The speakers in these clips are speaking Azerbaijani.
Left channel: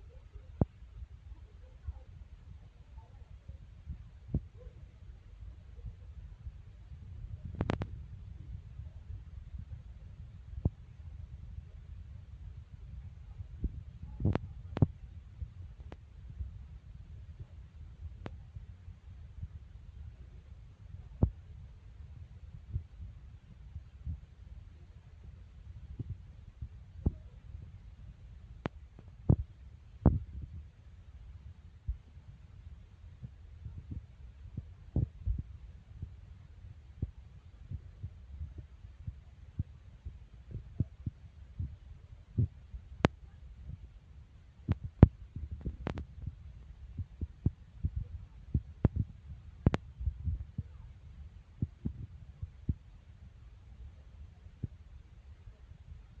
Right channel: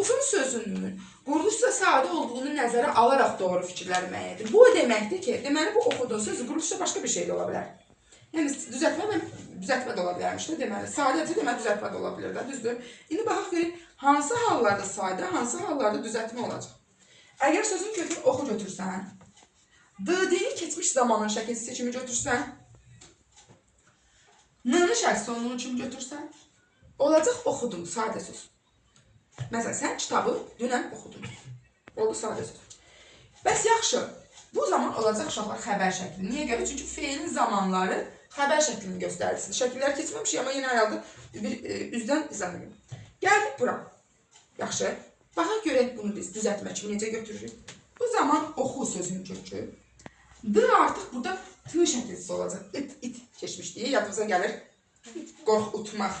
Oxudun sözünün quruluşda sadə olduğunu nəzərə alaraq doğru fikirlər müəyyən edir. Bu o deməkdir ki, deməli bu oxudun sözü quruluşda başqa bir şey də ola bilər. Yəni düzəltmə də ola bilərmiş də deməli. Sadəcə deməli düzəltmə də ola bilər də, düzdür? İndi baxaq görək hansı hallarda sadə, hansı hallarda düzəltmə olacaq. Əgər sözün kökünü oxu götürsən, D-ni keçmiş zamanın şəkilsi kimi götürsən, N-ni şəxs sonluğu kimi götürsən, olacaq oxudun, sadə söz. Məsələn, sən kitabı dünən oxudun. Oldu sadə söz. Bəs yaxşı, bu zaman olacaq uşaqlar xəbər şəkli. Niyə görə? Çünki feilin zamanları xəbər şəklini göstərir. Şəkillər keçməmişik, amma yenə ayalda üzdən izah edim. Gəldik bura. Yaxşı, baxaq görək bunu biz düzəltmə kimi necə götürürük. Bu zaman oxu sözünün kökü. D artıq burada T şəkilsi olacaq. İt keçmişdir. Yadımıza gəlir. Qorxutmaq,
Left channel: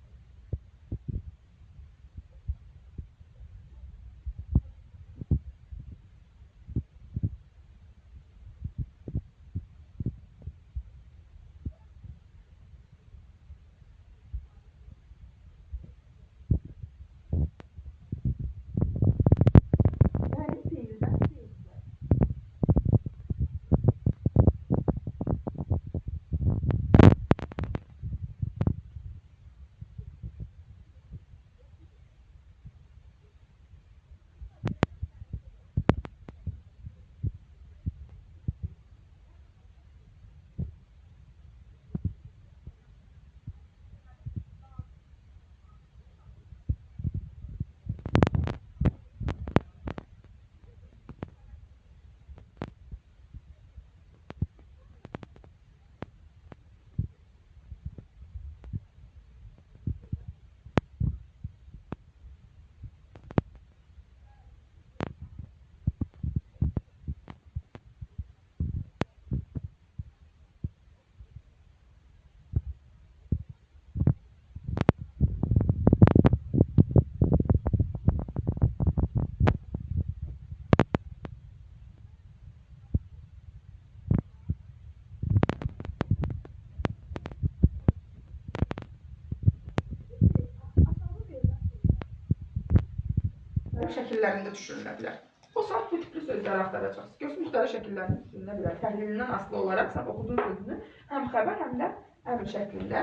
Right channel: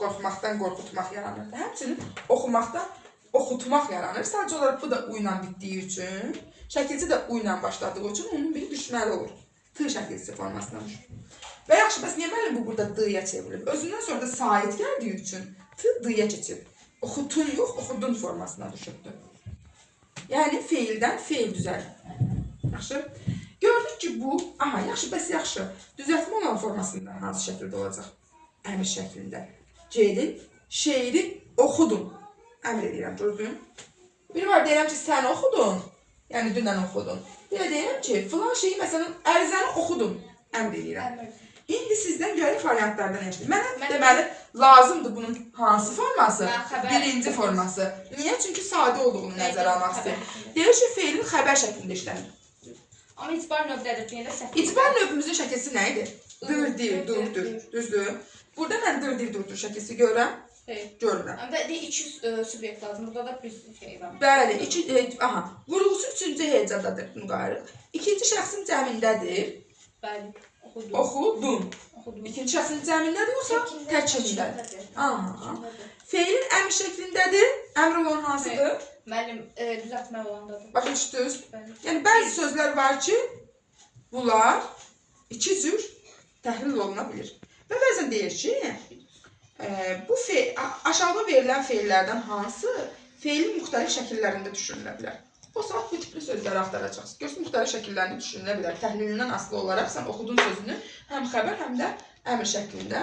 qorxmaqdan qorxutmaq yaranır. Həmçinin oxumaqdan oxutmaq yaranır. Sadəcə olaraq bu da U ilə bitdiyi üçün, şəkilsi də U ilə başladığı üçün onun biri düşməli olur. T şəkilsi formasına düşür. Və yaxşı, bəs niyə müəllim bu burada D-yə çevrilib? Özündən sonra da sait gəldiyi üçün T D-yə keçir. Oxutun yox, oxudun formasına düşürdü. Yəni feildən feil düzəlir. Yaxşı. Gördük ki bu, yaxşı, bəs yaxşı. Düzəltmə olan formasında hansı şəkildə olacaq? Əmr şəklində. C-din şeiri oxudun. Əmr edirəm, gördün. Biri var, deyirəm ki, sən oxudun. Yəni dünən oxudun. Bir də deyirəm ki, filan şeyi, məsələn, ərizəni oxudun. Əmr edirəm. İndi sizdən gələk variantlardan eşidir. Mənə deməli, lazımdır bunun hansı forması? Birinci forması. Niyə? Çünki sadə olduğunu nəzərə almaq istəyir. Deyir ki, feilin xəbər şəklində işlənir. Amma itibar növdədir. İtibar növümüzün şəkilsi nə idi? Dırdir, durdur. Düzdür? Burada mən dırdir, durdur şəkilsi görürəm. Görürəm. Amma iki subyekt lazım. Burada da bir şey var. Bəli, vurğusu üçüncü hecadadır müqayirə. İkinci şəxsin cəmindədir. Bəli. Oxudun. İkinci şəxsin cəmindədir, yoxsa təkindədir? Feilin əmr şəklindədir. Əmr olan hansıdır? Mənim düzəltmə olandadır. Başa düşdünüz? Yəni bəzi sözlər var ki, bunlar iki cür təhlil oluna bilir. Və bəzən deyir ki, bu aşağıda verilən feillərdən hansı feilin müxtəlif şəkillərində düşünülə bilər? O saat bu tipli sözləri axtaracaqsınız. Görsün, müxtəlif şəkillərində düşünülə bilər. Təhlilindən asılı olaraq sən oxudun sözünü həm xəbər, həm də əmr şəklində